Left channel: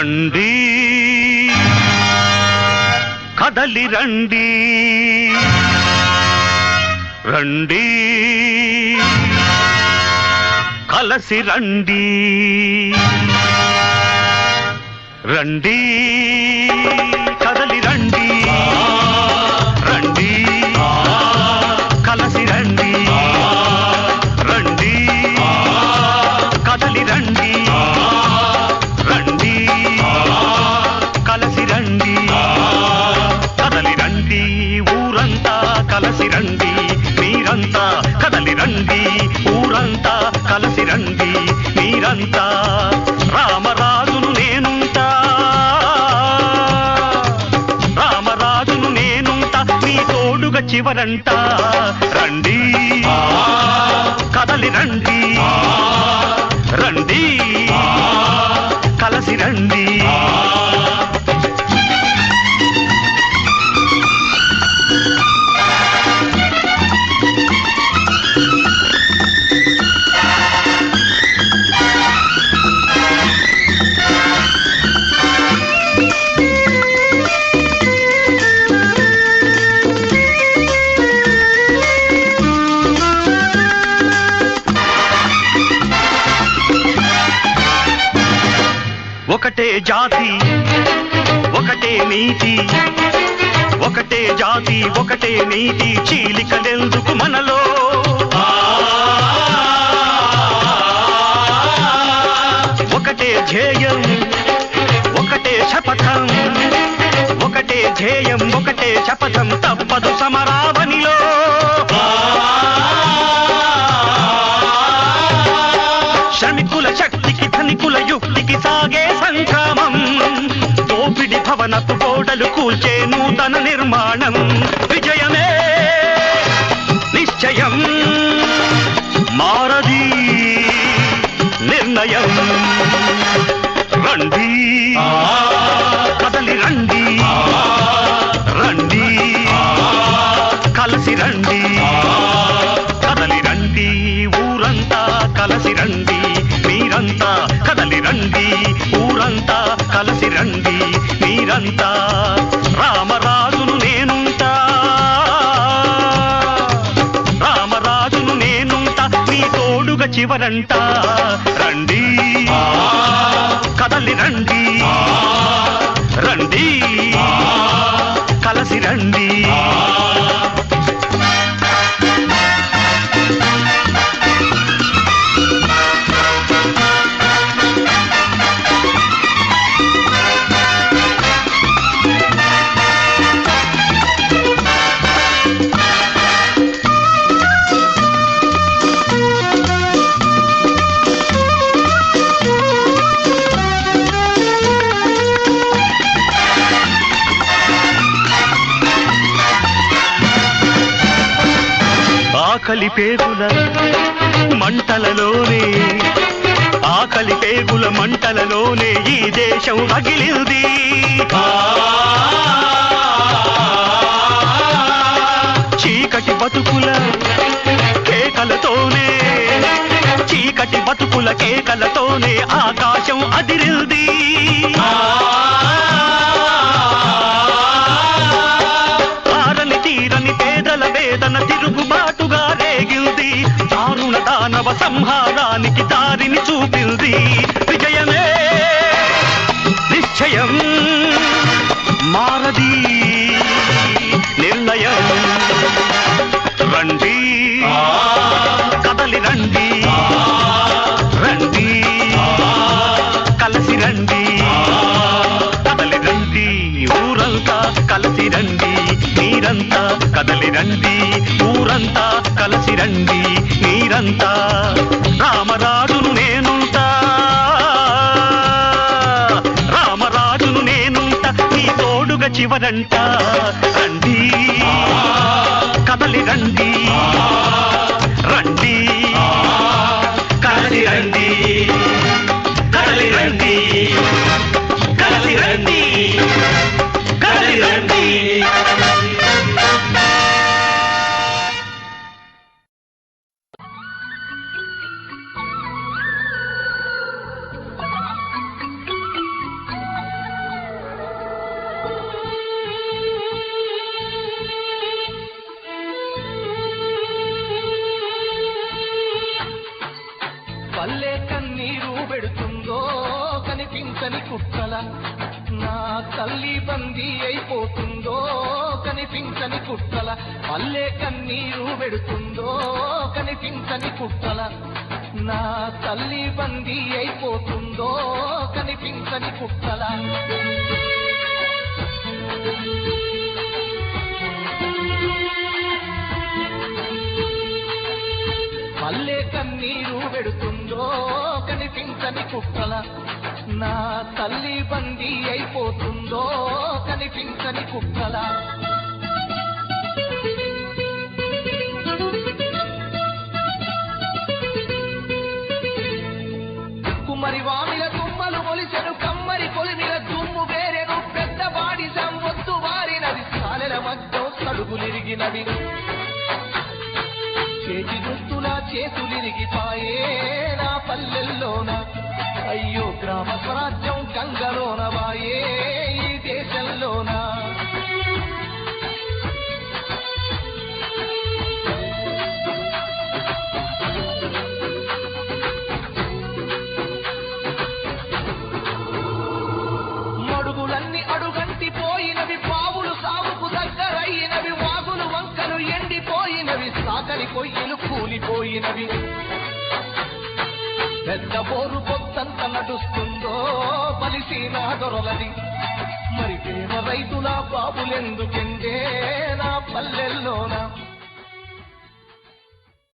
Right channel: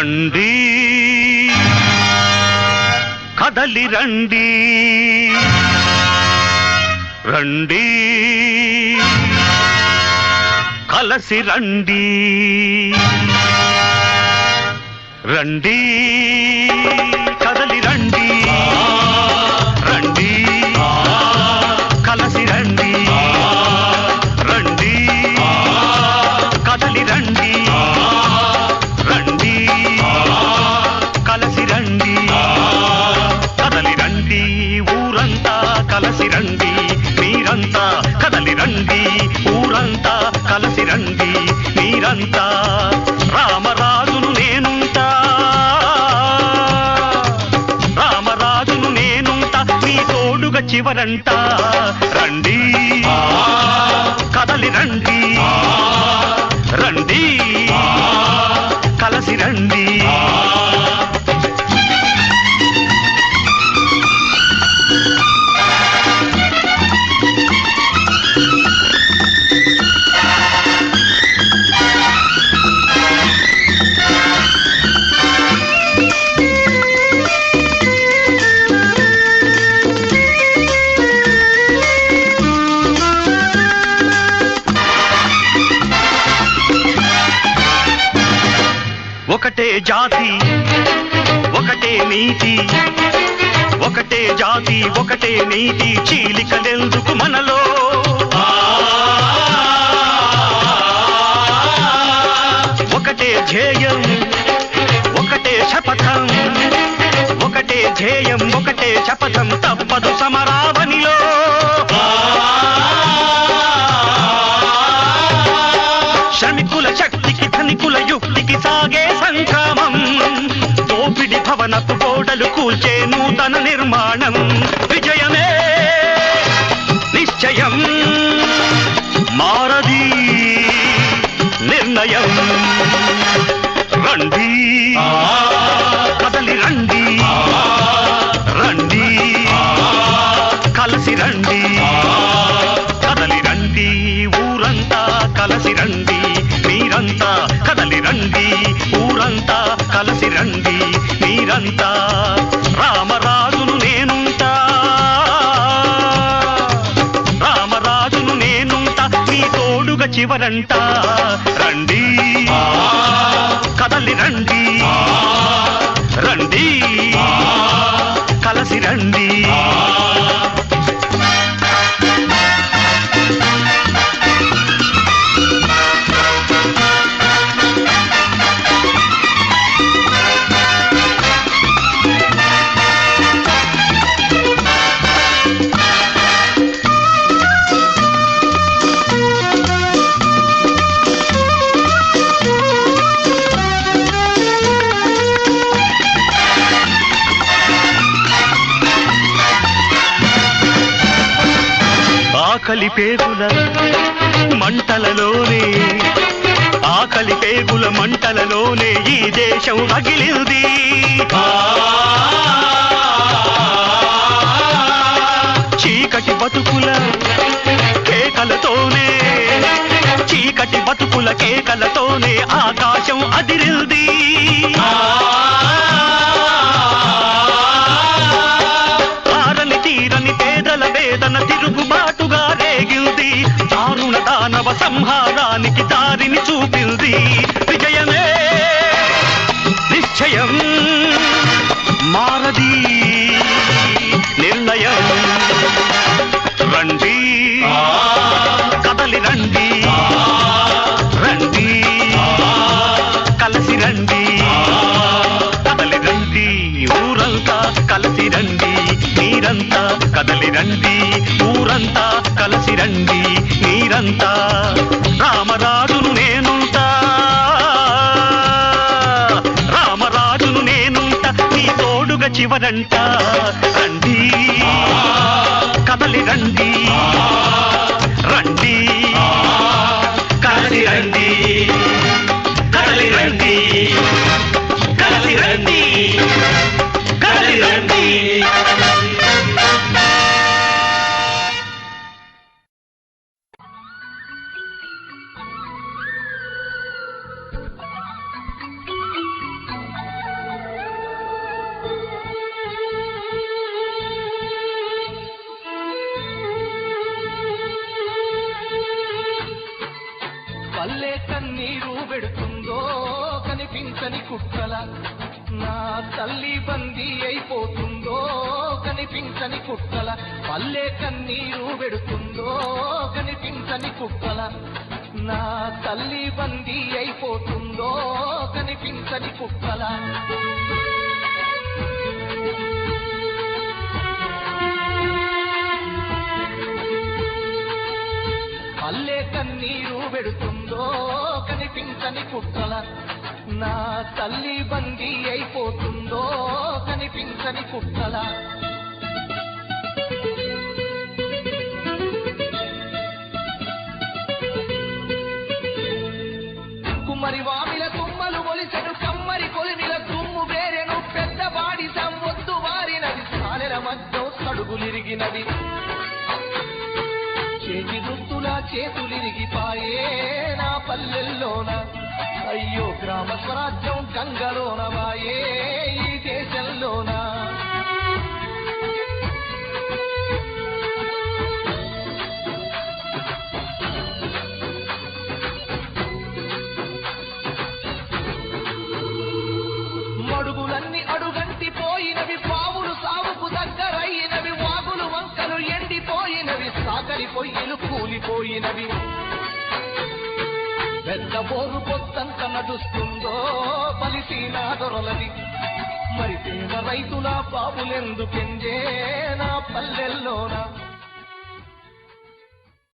రండి కదలి రండి రండి కలసి రండి రండి కదలి రండి రండి కలసి రండి రండి కదలి రండి రండి కలసి రండి కదలి రండి ఊరంతా కలసి రండి మీరంతా కదలి రండి ఊరంతా కలసి రండి మీరంతా రామరాజును నేనుంటా రామరాజును నేనుంటా మీ తోడుగా చివరంట రండి కదలి రండి రండి కలసి రండి ఒకటే జాతి ఒకటే నీతి ఒకటే జాతి ఒకటే నీతి చీలికలెందుకు మనలో ఒకటే ధ్యేయం ఒకటే శపథం ఒకటే ధ్యేయం ఒకటే శపథం తప్పదు సమరావనిలో శ్రమికుల శక్తికి ధనికుల యుక్తికి సాగే సంగ్రామం దోపిడి భవనపు గోడలు కూల్చే నూతన నిర్మాణం విజయమే నిశ్చయం మారది నిర్ణయం రండి కదలి రండి రండి కలసి రండి కదలి రండి ఊరంతా కలసి రండి మీరంతా కదలి రండి ఊరంతా కలసి రండి మీరంతా రామరాజును నేనుంటా రామరాజును నేనుంటా మీ తోడుగా చివరంట రండి కదలి రండి రండి కలసి రండి ఆకలి పేగుల మంటలలోనే ఆకలి పేగుల మంటలలోనే ఈ దేశం రగిలింది చీకటి బతుకుల కేకలతోనే చీకటి బతుకుల కేకలతోనే ఆకాశం అదిరింది ఆరని తీరని పేదల వేదన తిరుగుబాటుగా రేగింది దారుణ దానవ సంహారానికి దారిని చూపింది విజయమే నిశ్చయం మారది నిర్ణయం రండి కదలి రండి రండి కలసి రండి కదలి రండి ఊరంతా కలసి రండి మీరంతా కదలి రండి ఊరంతా కలసి రండి మీరంతా రామరాజును నేనుంటా రామరాజును నేనుంటా మీ తోడుగా చివరంట రండి కదలి రండి రండి కదలి రండి కదలి రండి కదలి రండి కదలి రండి పల్లె కన్నీరు పెడుతుందో కనిపించని కుక్కల నా తల్లి బందీ అయిపోతుందో కనిపించని కుక్కల పల్లె కన్నీరు పెడుతుందో కనిపించని కుక్కల నా తల్లి బందీ అయిపోతుందో కనిపించని కుక్కల పల్లె కన్నీరు పెడుతుందో కనిపించని కుక్కల నా తల్లి బందీ అయిపోతుందో కనిపించని కుక్కల కుమ్మరి వామిల తుమ్మలు మొలిసెను కమ్మరి కొలిమిల దుమ్ము వేరెను పెద్ద బాడి సంవొత్తు వారినది సాలెల మధ్య సడుగులిరిగినవి చేతి దుస్తుల చేతులిరిగిపాయే నా పల్లెల్లోన అయ్యో గ్రామ స్వరాజ్యం గంగలోన వాయే ఈ దేశంలోన మడుగులన్నీ అడుగంటి పోయినవి పావులు సాగుకు దగ్గరయినవి వాగులు వంకలు ఎండిపోయినవి సాకలి పొయ్యిలు కూలిపోయినవి పెద్ద బోరు పొత్తంత నడుస్తుందో బలిసిన దొరలది మరి పేద రైతుల బాబులెందుకెందే నా పల్లెల్లోన